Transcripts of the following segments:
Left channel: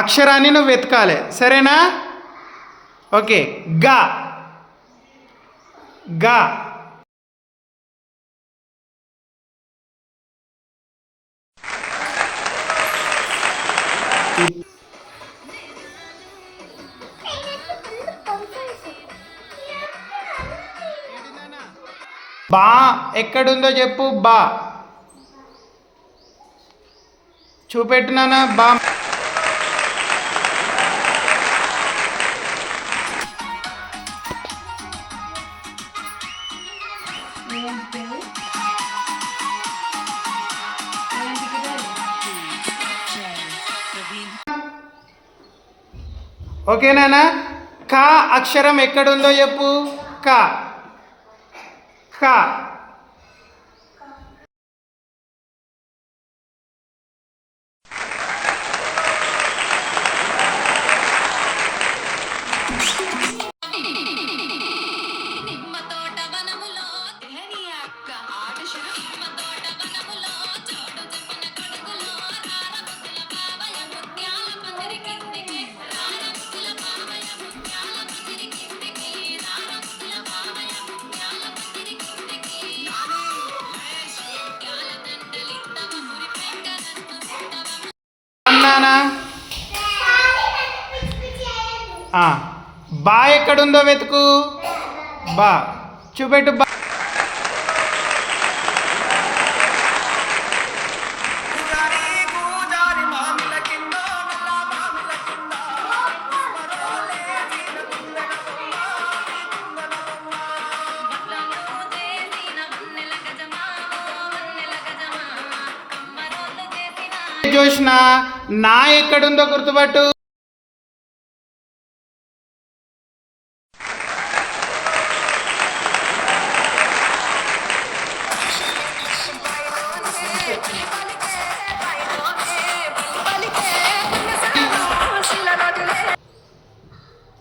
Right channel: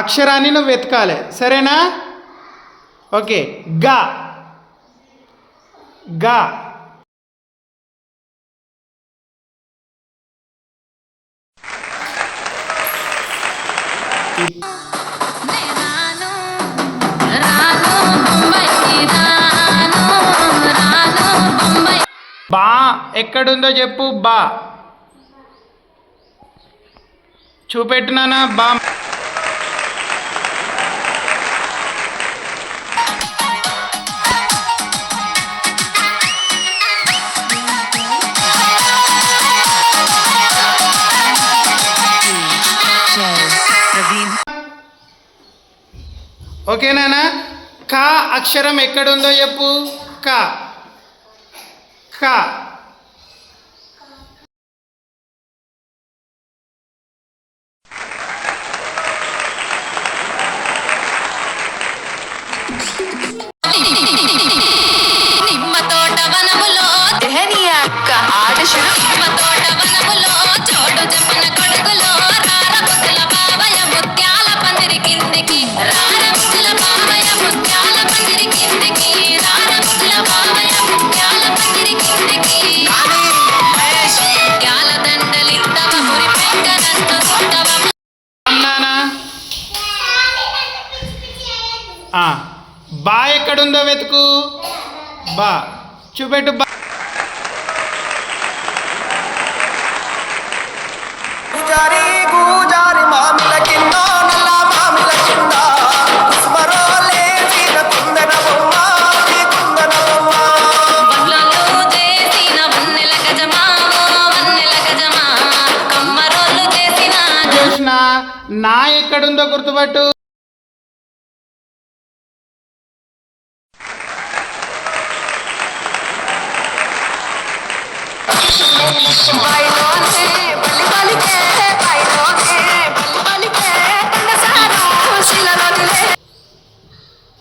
అక్షరాన్ని నువ్వు వెతకాలి, సరేనా? ఓకే. గా గా బా ఎక్కడుందో చెప్పు. బా చూపెట్టునానా? బా ఓకేనా? కా అక్షరం ఎక్కడుందో చెప్పు. కా కా బా ఎక్కడుందో వెతుకు. బా చూపెట్టు. బా జోష్న నా ఎక్కడుందో గుర్తుపట్టు.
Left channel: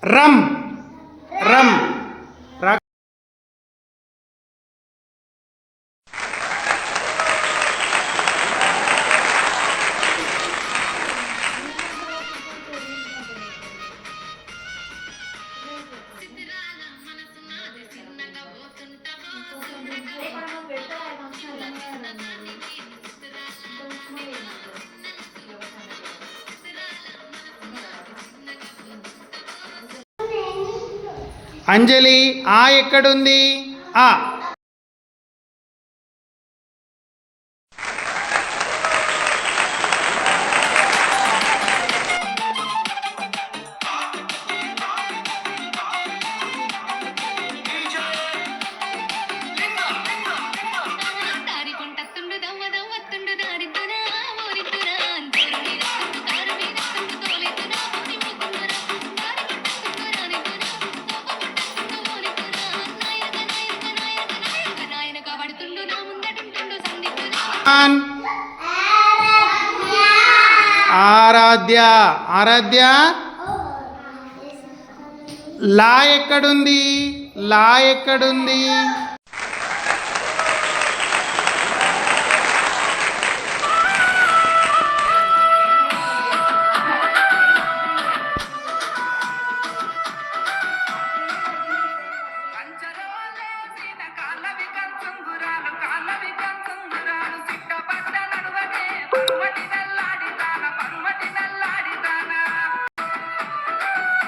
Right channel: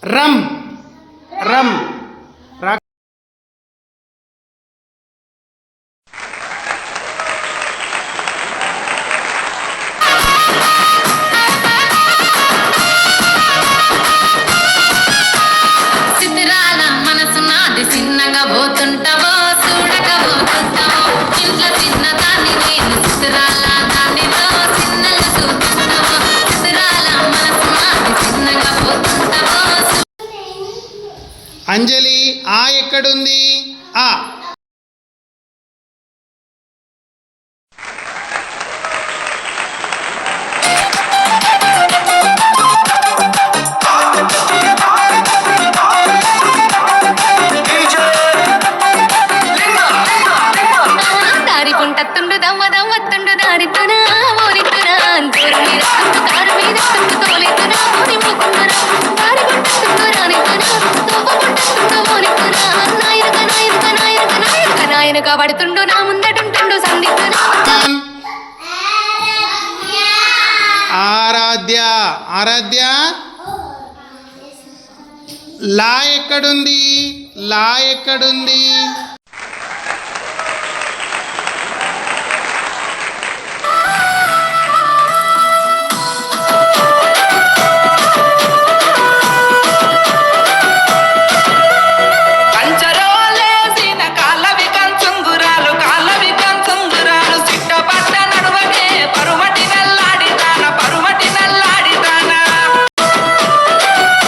రమ్ రమ్ అంజలి ఆ ఎక్కడుంది? ఆ పడుతుండు నా ముందటుంటుండు ఆరాధ్య. ఆరాధ్య లా ఎక్కడుంది? లా ఎక్కడుంది?